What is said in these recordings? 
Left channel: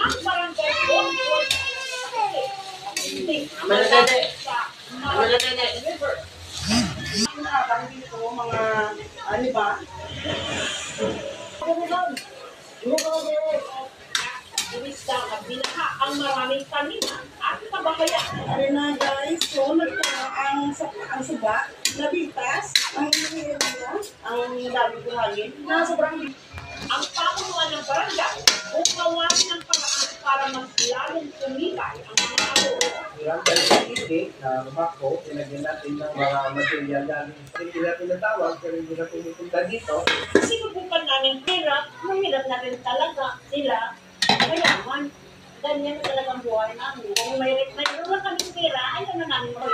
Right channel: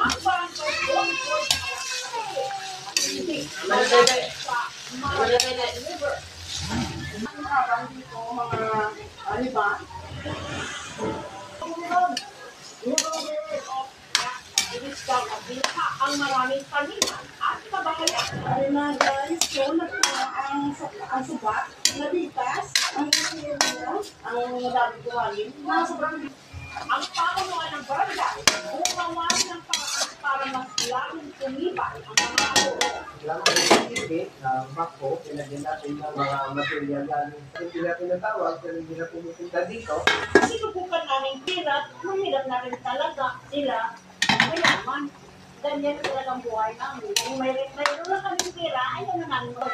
ang barangay control sa River. Ang nabanggit ko mga ano ba? Inisang at binaha ang maraming taniman at kabahayan. Ano na guys, so ang suba, nabigtas, ang area, ang dami buhangin, na sobrang Ang pamunuan ng barangay, gumawa ng paraan para mas lalong tumibay ang mga aboro. Ilang tayo hindi na bako, pinagyan natin ng mga material galing. Hindi natin natawag, pero hindi na pumupunta dito. Sinubukan namin hirap, mahirap na rin talaga sila. Mayaman, ganyan talagang buhay namin. Kung may lang kami pera, ayaw na namin mo.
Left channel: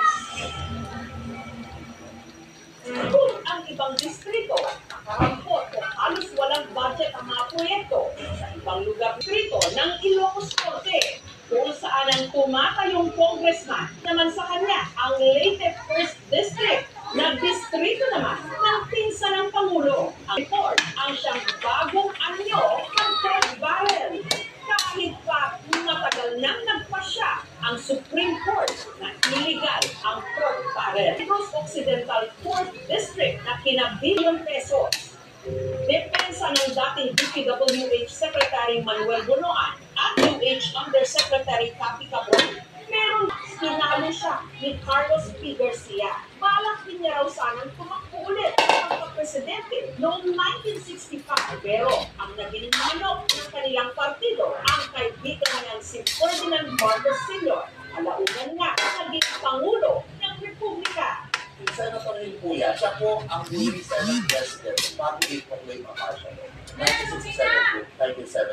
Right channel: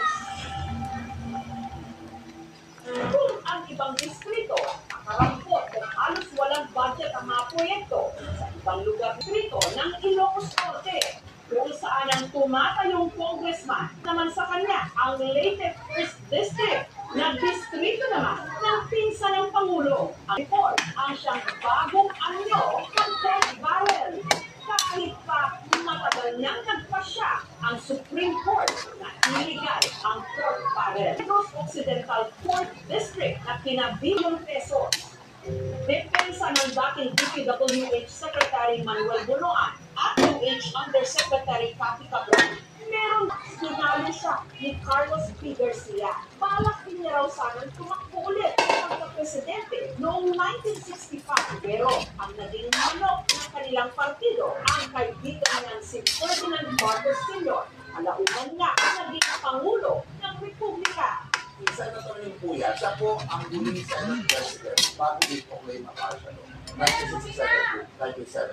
Kung ang ibang distrito, nakarampot o halos walang budget ang mga proyekto sa ibang lugar distrito ng Ilocos Norte, kung saan ang tumatayong congressman naman sa kanya ang latest first district na distrito naman ng pinsa ng Pangulo. Ang report ang siyang bagong anyo ng Court Barrel. Kahit pa matagal nang nagpasya ang Supreme Court na illegal ang Court Barrel. Negros Occidental Court District na kinabilyon pesos. Depensa ng dating DPWH Secretary Manuel Bunoan at UH Undersecretary Cathy Cabron, meron sinalo siya ni Carlos P. Garcia. Balak din niya raw sanang tumakbo ulit ang pagka-presidente noong 1965. Pero ang naging manok ng kanilang partido, ang kaibigan niyang si Ferdinand Marcos Sr., alaunan nga naging Pangulo ng Republika. Si Senator Limpuya, siya po ang huling Senate President bago i-proclaim ang martial law. 1967 to 1970.